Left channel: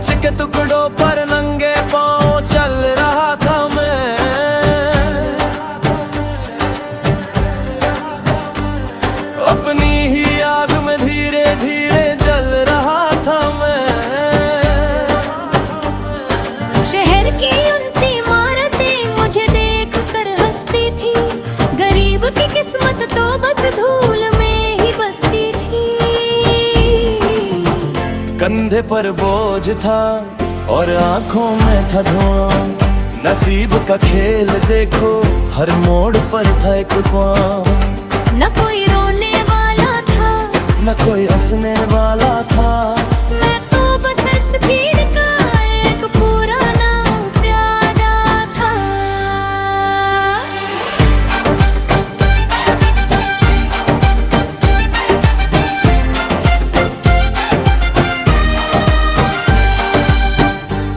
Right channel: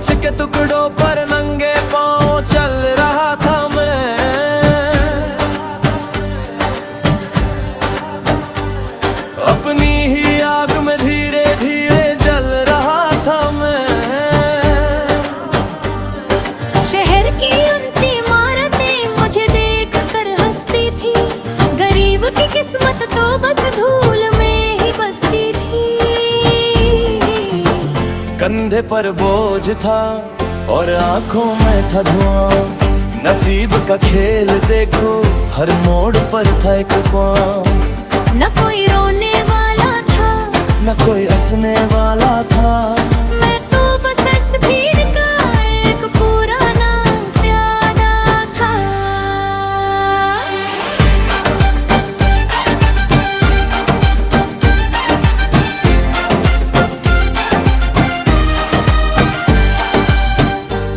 कंच के टुकड़ों पर नंगे पांव चल रहा था मैं। अपनी ही आग में धीरे धीरे जल रहा था मैं। शहर की ऊंची इमारतें मुझे देख कर हंसती थी, गरीब की किस्मत तो बस धूल में ही बसती थी। कंधे पर बोझ था और आंखों में था धुआं, नसीब का खेल देखो हर मोड़ पर था एक पाँव। न कोई रोने वाला था, न कोई हंसने वाला था, मैं तो बस इस भीड़ का एक पुराना प्यादा था।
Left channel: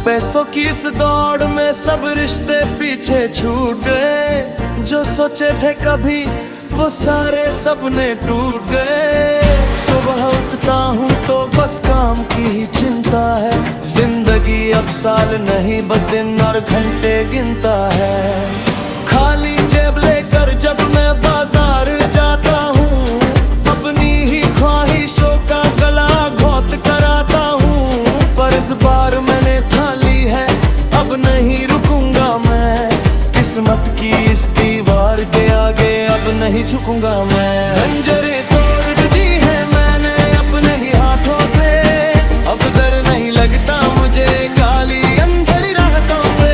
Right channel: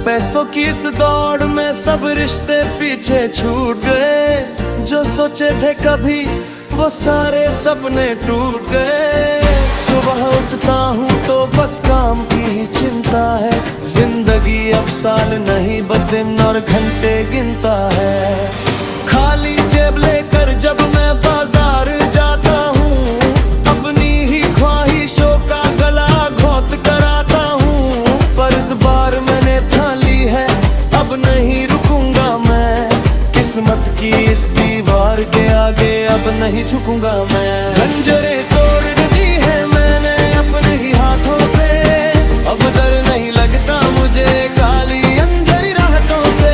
पैसों की इस दौड़ में सब रिश्ते पीछे छूट गए। जो सोचे थे कभी वो सारे सपने टूट गए। सुबह उठता हूँ तो बस काम की ही चिंता है। जिंदगी अब साल नहीं बस दिन और घंटे गिनता है। खाली जेब लेकर जब मैं बाजार जाता हूँ, अपनी ही ख्वाहिशों का गला घोंट कर आता हूँ। पर इस बार मैंने ठान ली है अब नहीं रुकूंगा मैं। किस्मत की इस दीवार के आगे अब नहीं झुकूंगा मैं। जंजीरें तोड़ दी है मैंने अपने ही हाथों से, अब डर नहीं लगता मुझे काली अंधेरी रातों से।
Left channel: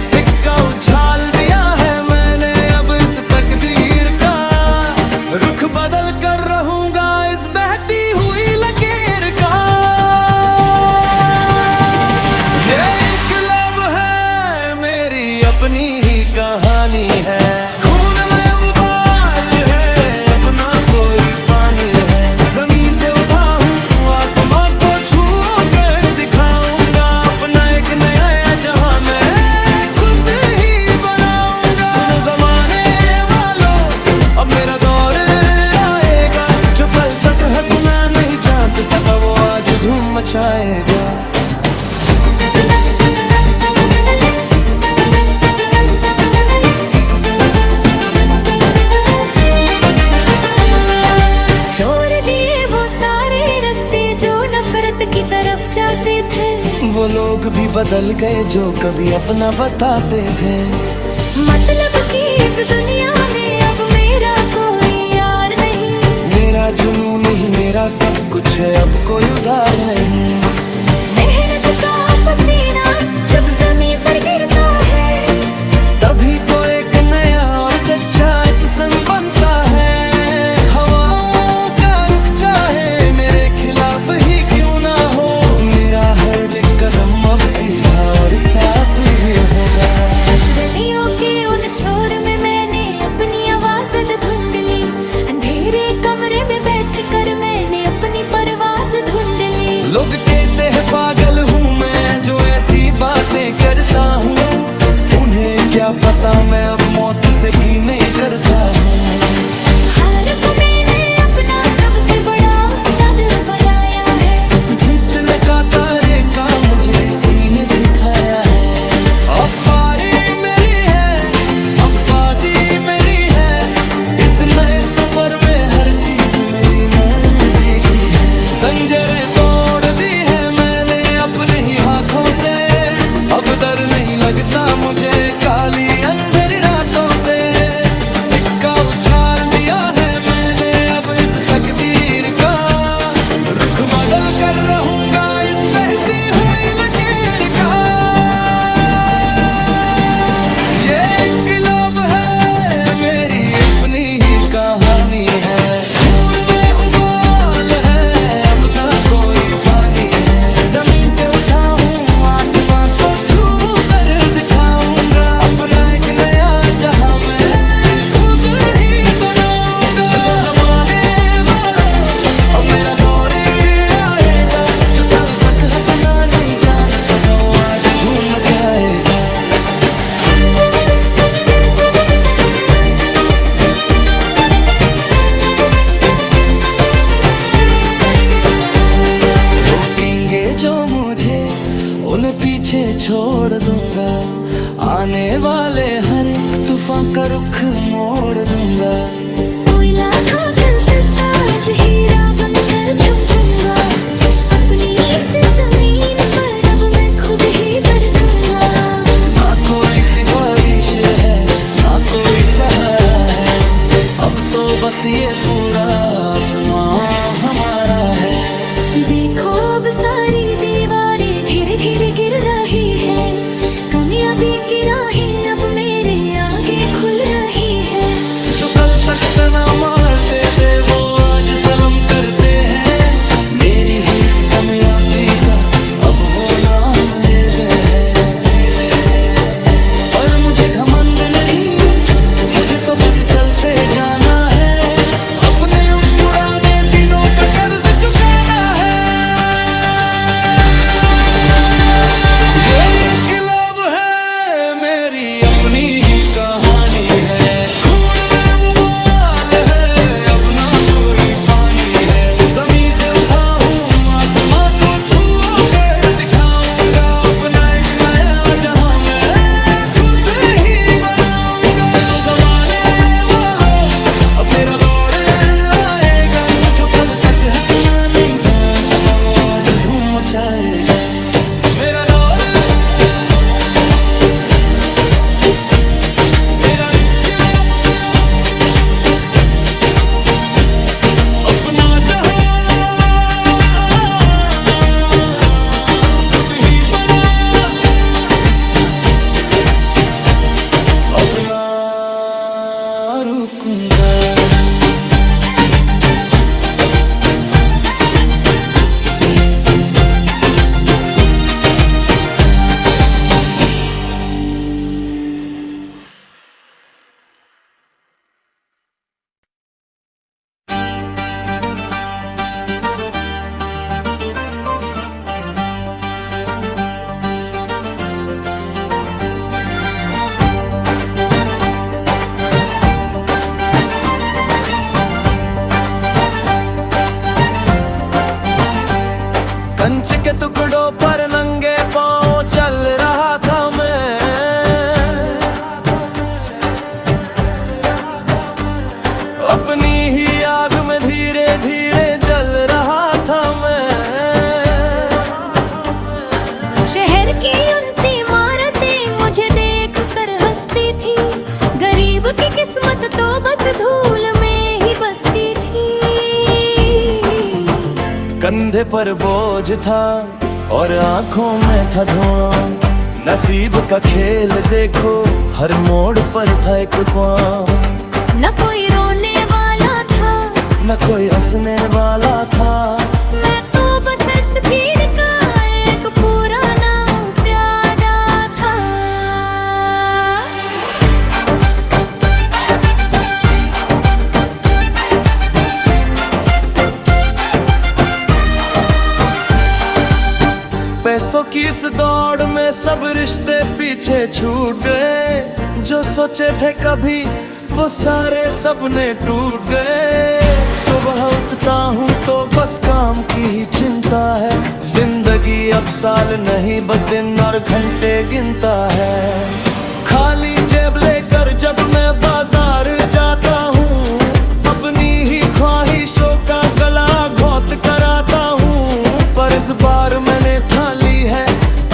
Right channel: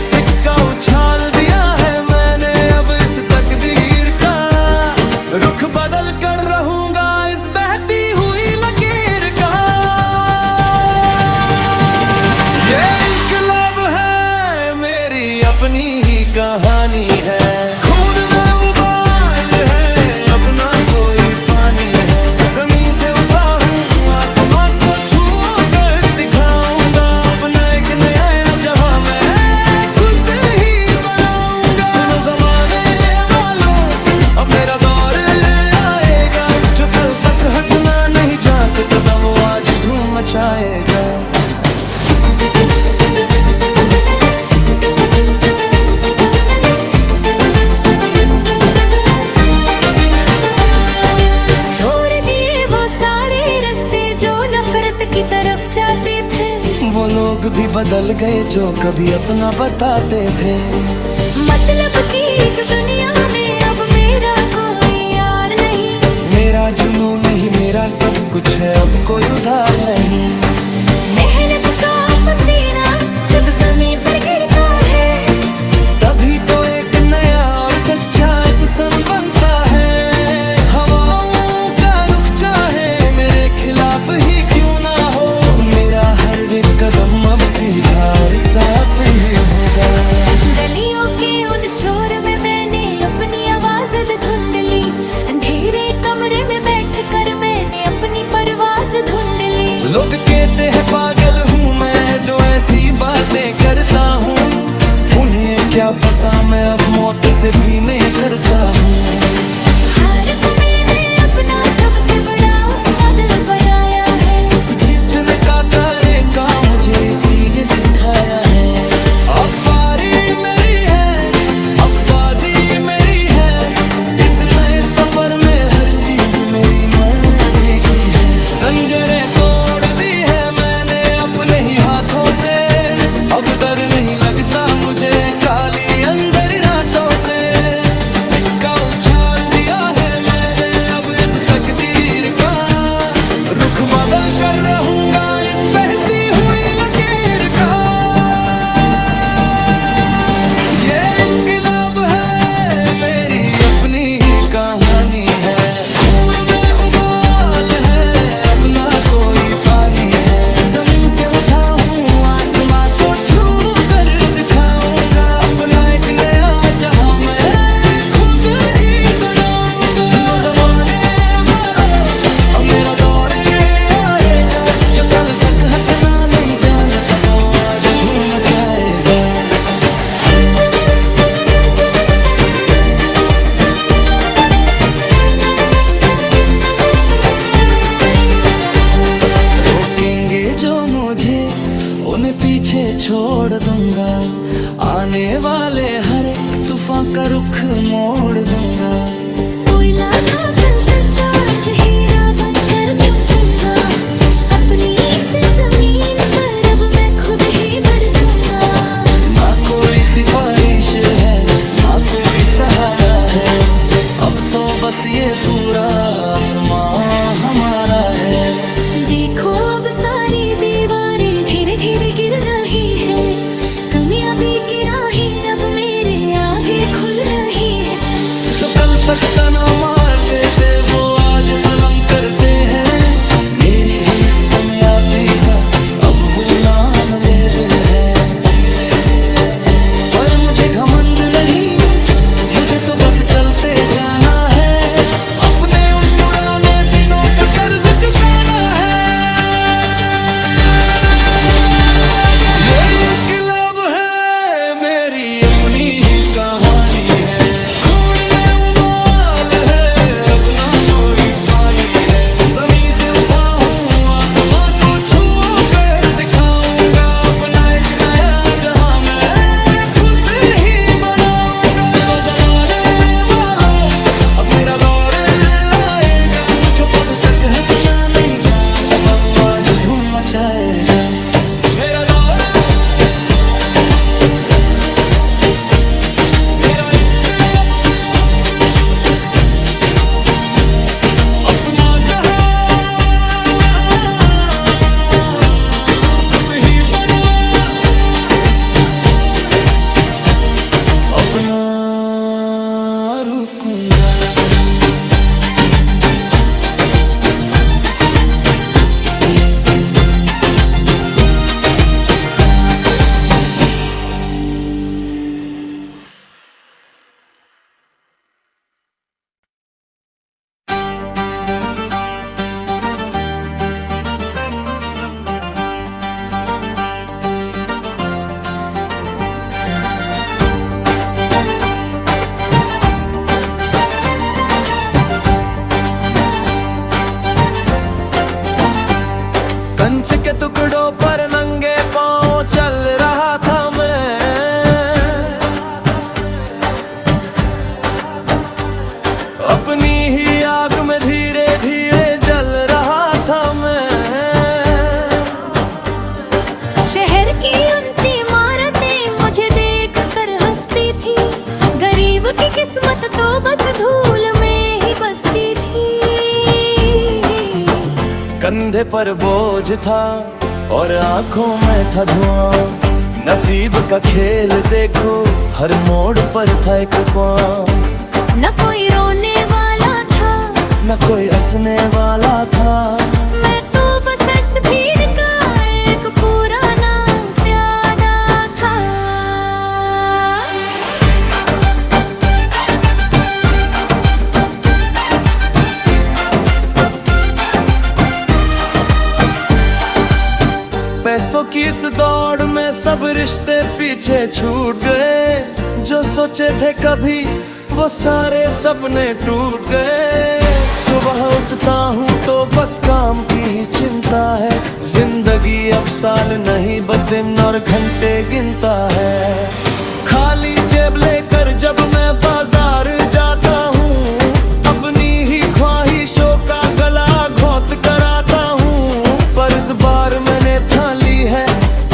सिक्का उछाल दिया है मैंने अब इस तकदीर का, रुख बदल कर रहूंगा इस बहती हुई लकीर का। ये इनकलाब है मेरी अपनी ही कहानी है। खून में उबाल है अब ना कोई पानी है। जमीन से उठा हूँ आसमां को छू कर दिखाऊंगा अपना एक नया जहां मैं खुद ही बनाऊंगा। सुनो जमाने वालों अब मेरा दौर आएगा। जो कल तक हंसना नहीं जानता था वो आज धूम मचाएगा। छोड़ दिए वो सारे रास्ते जो नफरत की तरफ जाते थे। वो लोग भी बदल गए जो कभी अपना बताते थे। मतलब की इस दुनिया में अब मेरा कोई यार नहीं। मेरा जुनून ही मेरा सब कुछ है अब कोई उधार नहीं। मेहनत का पसीना जब जमीन पर गिरता है, तभी तो एक नया और सच्चा एक सन बनता है। हवाओं का रुख चाहे मेरे खिलाफ ही क्यों ना हो, मेरा हर एक कदम अब सीधा और साफ ही होगा। गलियों के उन शोर में मैंने अपनी आवाज ढूंढ ली। अंधेरे कमरे में बैठकर मैंने अपनी परवाज ढूंढ ली। लोग कहते हैं पागल हूँ मैं जो ऐसी बातें करता हूँ। उन्हें क्या पता मैं अब मौत से भी नहीं करता हूँ। हार को मैंने अपना सबसे बड़ा उस्ताद बनाया है। जीतने का तरीका मुझे इसी ने सिखाया है। अब बारी मेरी है अब बाजी मेरी है। इस नए सफर में हर चीज मेरी मर्जी की है। जंजीरें तोड़ दी है मैंने अपने ही हाथों से, अब डर नहीं लगता मुझे काली अंधेरी रातों से। सिक्का उछाल दिया है मैंने अब इस तकदीर का, रुख बदल कर रहूंगा इस बहती हुई लकीर का। ये इनकलाब है मेरी अपनी ही कहानी है। खून में उबाल है अब ना कोई पानी है। जमीन से उठा हूँ आसमां को छू कर दिखाऊंगा अपना एक नया जहां मैं खुद ही बनाऊंगा। सुनो जमाने वालों अब मेरा दौर आएगा। जो कल तक हंसना नहीं जानता था वो आज धूम मचाएगा। करेंगे जो मुझे उन्हें पीछे छोड़ दूंगा। आने वाले हर एक तूफान का रुख मोड़ दूंगा। कोयला था कल तक ताज हीरा बनकर चमकूंगा। अपनी इस जमीन पर अब मैं खुद ही बरसूंगा। ना कोई सिफारिश है ना कोई सहारा है, अब तो बस ये पूरा आसमां हमारा है। देखो अब सारी दीवारें धीरे धीरे गिर रही है। कमियां भी गिराही अब मेरे आगे खुल रही है। जो कल तक तना मारते थे वो आज सलाम करते हैं। मेरी ही इस कामयाबी का अब वो नाम लेते हैं। पर मुझे घमंड नहीं, मुझे तो बस चलते जाना है। अपने उन पुराने दिनों का कर्ज चुकाना है। ये इंकलाब है मेरी अपनी ही कहानी है। खून में उबाल है अब ना कोई पानी है। जमीन से उठा हूँ आसमां को छू कर दिखाऊंगा। अपना एक नया जहां मैं खुद ही बनाऊंगा। सुनो जमाने वालों अब मेरा दौर आएगा। जो कल तक हंसना नहीं जानता था वो आज धूम मचाएगा। मेरा दौर, मेरा इंकलाब, अपना जहां खुद ही बनाया। अब ना रुकूंगा। कंच के टुकड़ों पर नंगे पांव चल रहा था मैं। अपनी ही आग में धीरे धीरे जल रहा था मैं। शहर की ऊंची इमारतें मुझे देख कर हंसती थी। गरीब की किस्मत तो बस धूल में ही बसती थी। कंधे पर बोझ था और आंखों में था धुआं। नसीब का खेल देखो हर मोड़ पर था एक पांव। न कोई रोने वाला था न कोई हंसने वाला था। मैं तो बस इस भीड़ का एक पुराना प्यादा था। पैसों की इस दौड़ में सब रिश्ते पीछे छूट गए। जो सोचे थे कभी वो सारे सपने टूट गए। सुबह उठता हूँ तो बस काम की ही चिंता है। जिंदगी अब साल नहीं बस दिन और घंटे गिनता है। खाली जेब लेकर जब मैं बाजार जाता हूँ अपनी ही ख्वाहिशों का गला घोट कर आता हूँ। पर इस बार मैंने ठान ली है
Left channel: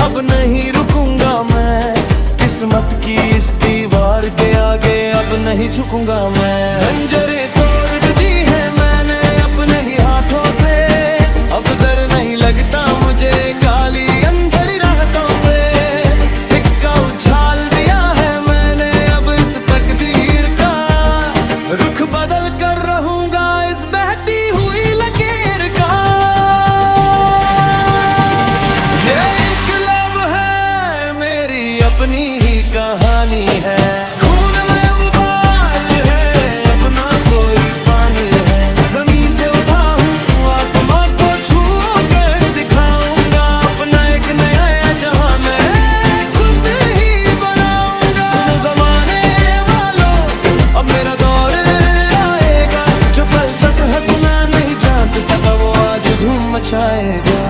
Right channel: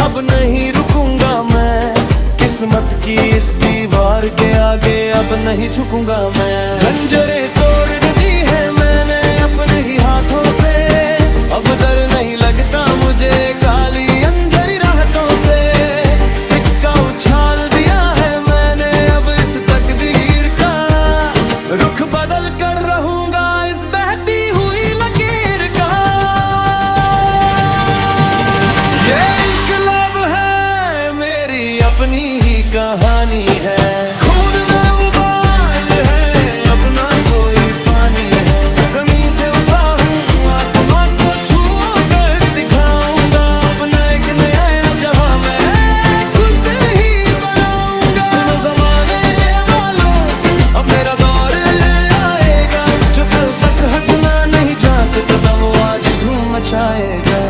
अब नहीं रुकूंगा मैं। किस्मत की इस दीवार के आगे अब नहीं झुकूंगा मैं। जंजीरें तोड़ दी है मैंने अपने ही हाथों से। अब डर नहीं लगता मुझे काली अंधेरी राहतों से। सिक्का उछाल दिया है मैंने अब इस तकदीर का। रुख बदल कर रहूंगा इस बहती हुई लकीर का। ये इंकलाब है मेरी अपनी ही कहानी है। खून में उबाल है अब ना कोई पानी है। जमीन से उठा हूँ आसमां को छू कर दिखाऊंगा। अपना एक नया जहां मैं खुद ही बनाऊंगा। सुनो जमाने वालों अब मेरा दौर आएगा। जो कल तक हंसना नहीं जानता था वो आज धूम मचाएगा।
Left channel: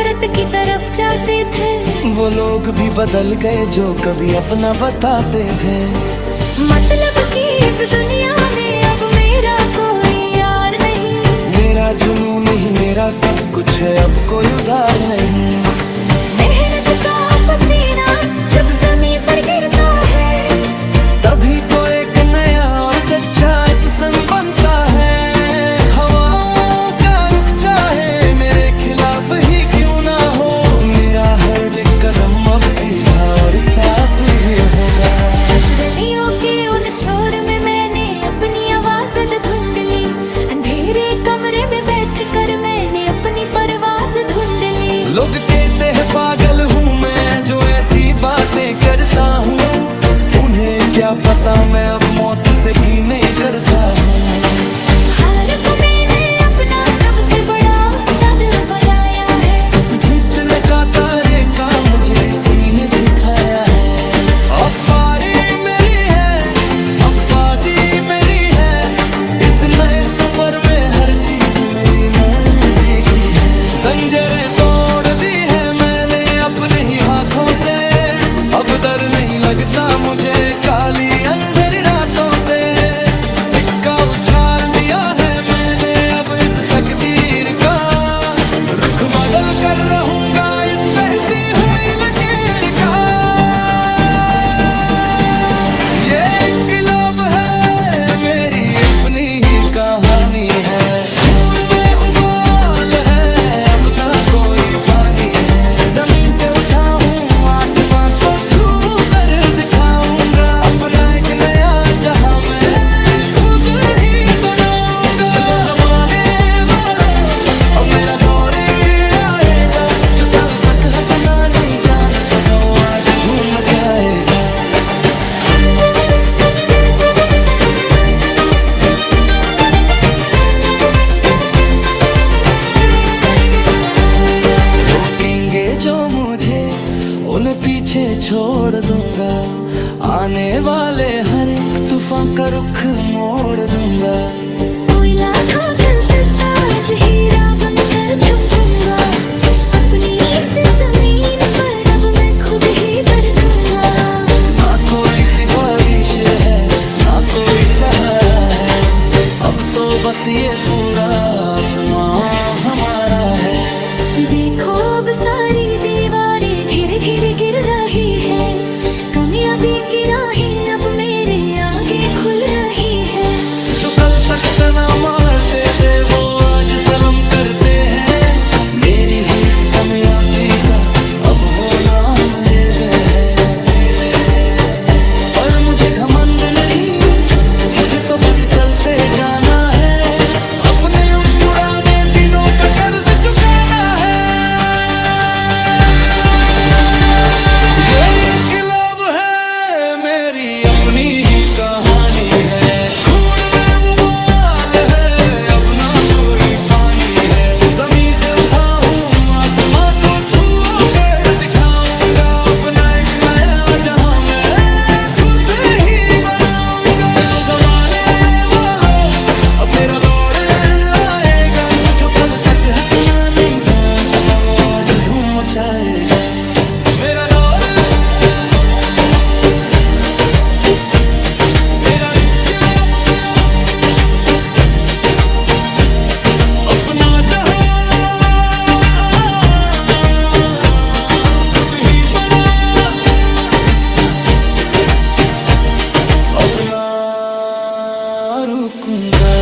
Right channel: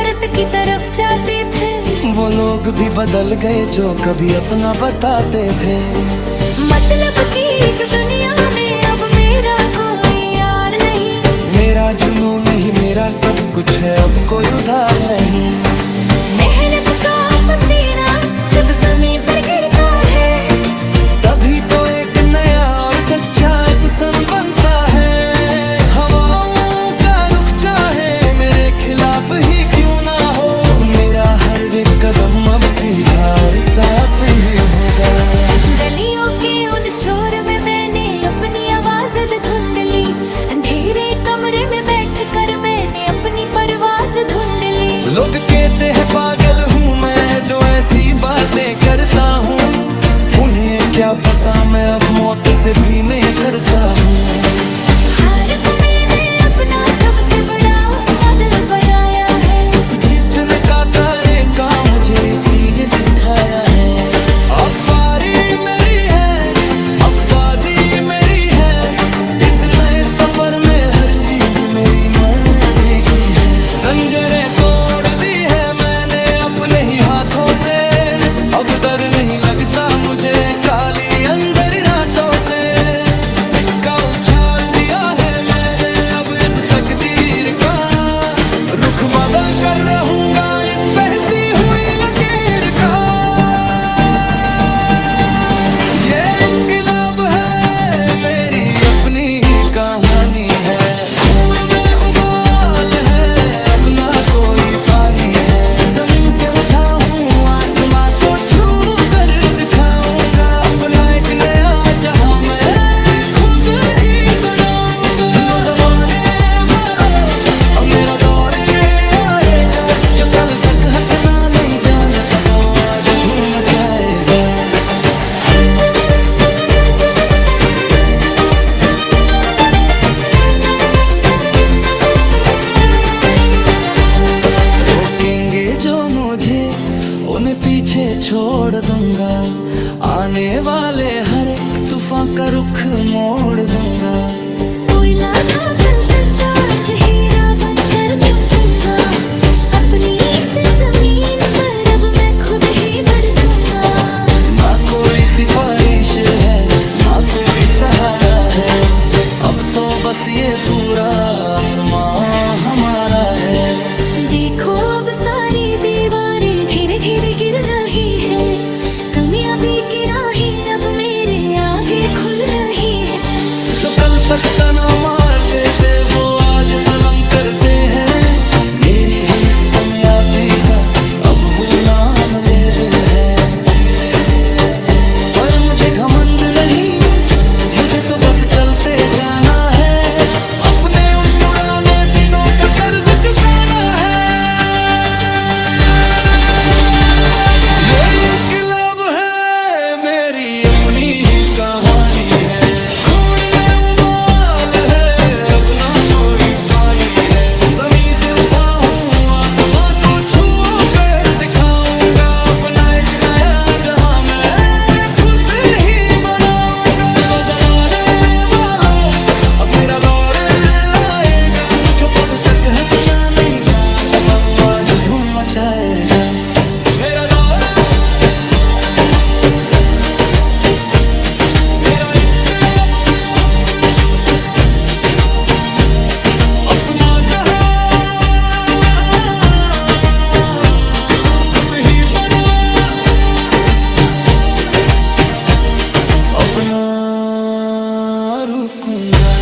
नफरत की तरफ जाते थे। वो लोग भी बदल गए जो कभी अपना बताते थे। मतलब कि इस दुनिया में अब मेरा कोई यार नहीं। मेरा जुनून नहीं मेरा सब कुछ है, अब कोई उधार नहीं। मेहनत का पसीना जब जमीन पर गिरता है, तभी तो एक नया और सच्चा एक सन बनता है। हवाओं का रुख चाहे मेरे खिलाफ ही क्यों ना हो, मेरा हर एक कदम अब सीधा और साफ ही होगा। गलियों के उन शोर में मैंने अपनी आवाज धुंधली, अंधेरे कमरे में बैठकर मैंने अपनी परवाज ढूंढ ली। लोग कहते हैं पागल हूँ मैं जो ऐसी बातें करता हूँ, उन्हें क्या पता मैं अब मौत से भी नहीं करता हूँ। हार को मैंने अपना सबसे बड़ा उस्ताद बनाया है, जीतने का तरीका मुझे इसी ने सिखाया है। अब बारी मेरी है, अब बाजी मेरी है, इस नए सफर में हर चीज मेरी मर्जी की है। जंजीरें तोड़ दी है मैंने अपने ही हाथों से, अब डर नहीं लगता मुझे काली अंधेरी रातों से। सिक्का उछाल दिया है मैंने अब इस तकदीर का, रुख बदल कर रहूंगा इस बहती हुई लकीर का। ये इंकलाब है मेरी अपनी ही कहानी है, खून में उबाल है अब ना कोई पानी है। जमीन से उठा हूँ आसमां को छू कर दिखाऊंगा, अपना एक नया जहां मैं खुद ही बनाऊंगा। सुनो जमाने वालों अब मेरा दौर आएगा, जो कल तक हंसना नहीं जानता था वो आज धूम मचाएगा। रोकेंगे जो मुझे उन्हें पीछे छोड़ दूंगा, आने वाले हर एक तूफान का रुख मोड़ दूंगा। कोयला था कल तक ताज हीरा बनकर चमकूंगा, अपनी इस जमीन पर अब मैं खुद ही बरसूंगा। ना कोई सिफारिश है ना कोई सहारा है, अब तो बस ये पूरा आसमां हमारा है। देखो अब सारी दीवारें धीरे धीरे गिर रही है, कामयाबी की राहें अब मेरे आगे खुल रही है। जो कल तक तना मारते थे वो आज सलाम करते हैं, मेरी ही इस कामयाबी का अब वो नाम लेते हैं। पर मुझे घमंड नहीं, मुझे तो बस चलते जाना है, अपने उन पुराने दिनों का कर्ज चुकाना है। ये इंकलाब है मेरी अपनी ही कहानी है, खून में उबाल है अब ना कोई पानी है। जमीन से उठा हूँ आसमां को छू कर दिखाऊंगा, अपना एक नया जहां मैं खुद ही बनाऊंगा। सुनो जमाने वालों अब मेरा दौर आएगा, जो कल तक हंसना नहीं जानता था वो आज धूम मचाएगा। मेरा दौर मेरा इंकलाब, अपना जहां खुद ही बनाया, अब ना रुकूंगा।